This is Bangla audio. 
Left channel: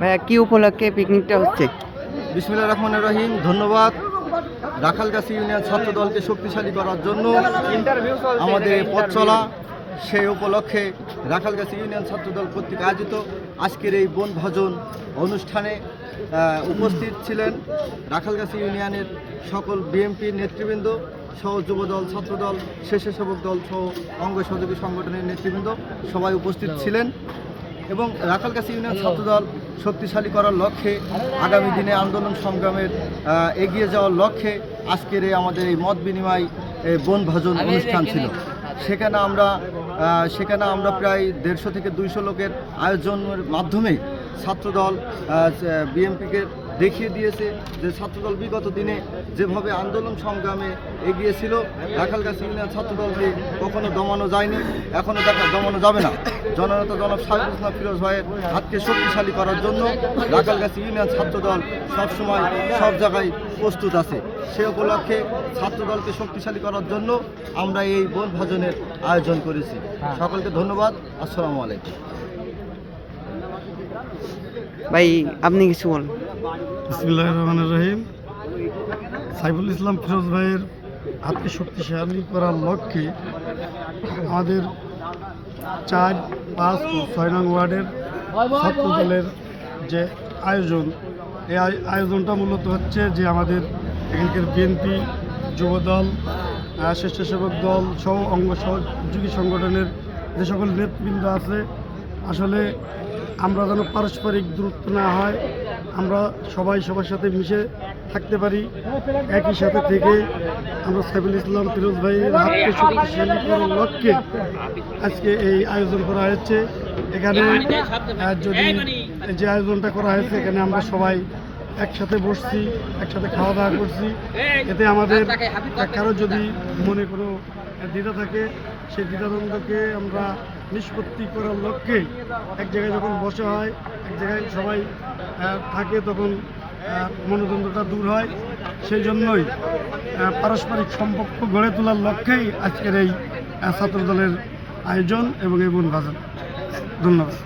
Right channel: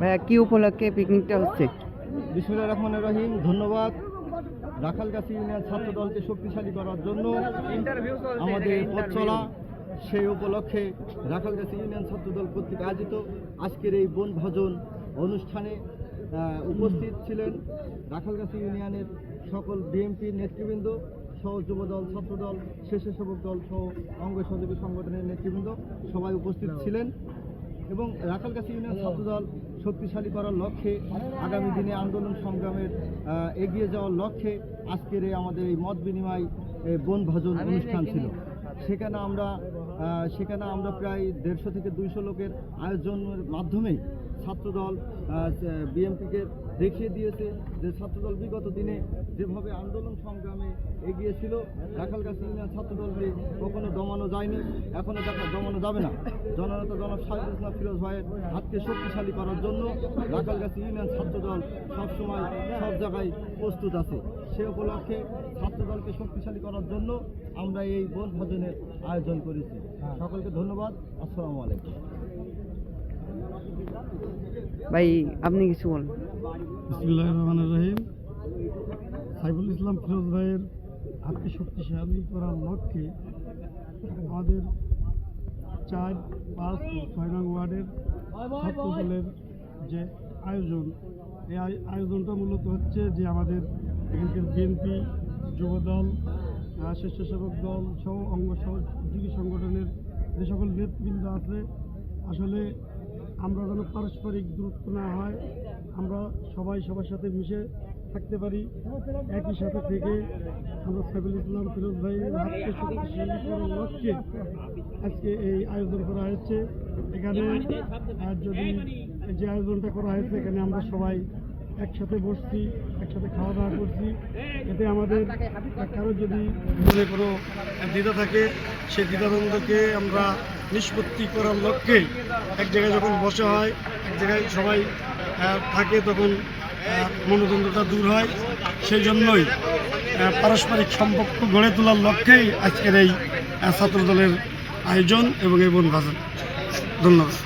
ভাইয়া, কি উপলক্ষে পিকনিকটা হচ্ছে? বিসমিল্লাহ রহমান রহিম, ধন্যবাদ। রাখালগাছি ইউনিয়ন ছাত্র দলকে শক্তিশালী করার জন্য আমাদের পথ চলা, সেই উপলক্ষে রাখালগাছি ইউনিয়ন ছাত্র দল কর্তৃক আয়োজিত আজকের এই বনভোজন অনুষ্ঠানে উপস্থিত ছিলেন রাখালগাছি ইউনিয়নের সকল বিএমপির নেতৃবৃন্দ সহ যুবদল ছাত্রদল স্বেচ্ছাসেবক দল সহ অঙ্গ সহযোগী সংগঠনের নেতৃবৃন্দ সবাই উপস্থিত ছিলেন। এবং রাখালগাছি ইউনিয়ন ছাত্রদল শক্তিশালী করার লক্ষ্যে আগামী দিনে আন্দোলন সংগ্রামের এগিয়ে যাওয়ার লক্ষ্যে আজকের এই আমাদের এই মত বিনিময় বনভাজন বনভোজন অনুষ্ঠান ছিল। সেখানে আমরা সেখানে আমরা প্রায় দেড়শো থেকে দুইশো লোকের আয়োজনের মাধ্যমে ছাত্রদল বিএমপিকে দেখিয়ে দিয়েছে যে ছাত্রদল বিগত দিনে যেভাবে আন্দোলন সংগ্রামে এগিয়েছিল রাখালগাছি ইউনিয়ন ছাত্রদলকে কখনো দমানো যায়নি এখনও দেখা দমানো যাবে না। জননেতা জনাব সাহেব ইসলাম ফিরোজ ভাইয়ের হাতকে শক্তিশালী করার জন্য রাখালগাছি ইউনিয়ন ছাত্রদল সবসময় সব জায়গায় প্রস্তুত আছে। সে উপলক্ষে ছাত্রদলকে শক্তিশালী করার জন্য আমরা এই বনভোজনের আয়োজন করেছি। সকলকে ধন্যবাদ। আসসালামু আলাইকুম। ভাই, আপনি কিছু বলুন। রহিম। সাইফুল ইসলাম ফিরোজ ভাইয়ের হাতকে শক্তিশালী করার লক্ষ্যে আমাদের চার, পাঁচ ও ছয় নং ওয়ার্ডের ছাত্র দলের যে আয়োজন এই আয়োজনটা মূলত হচ্ছে যে আমাদের এখানকার বিএনপি যুবদল স্বেচ্ছাসেবক দল সহ অঙ্গ সহযোগী সংগঠনের যে সকল নেতৃবৃন্দ আছে আসলে আমরা যেন পারস্পরিক দূরত্ব না হয়, আমরা সবাই সবার সাথে মিশে থাকতে পারি। একই সাথে থেকে আমরা সাইফুল ইসলাম ফিরোজ ভাইয়ের হাতকে শক্তিশালী করার লক্ষ্যে আজকে এই আয়োজন করা হয়েছে। এখানে যদি যে আয়োজনটা করা হয়েছে, এখানে আমরা সবাই একসাথে বসছি, একসাথে খাওয়া দাওয়া করছি। এতে আমাদের কারও যদি মনে কোনো দ্বিধা থাকে, সেই দ্বিধাদ্বন্দ্বকে আমরা নিষ্পত্তি করার লক্ষ্যে এক জায়গায় যখন বসে হয়, এক জায়গায় সবাই থাকে, তখন মনোদ্বন্দ্বটা দূর হয়। সেই জন্যই পারস্পরিক সম্পর্ক গড়ে তোলার লক্ষ্যেই আজকের এই ছাত্রদলের আয়োজন এবং এই বনভাজন ধন্যবাদ।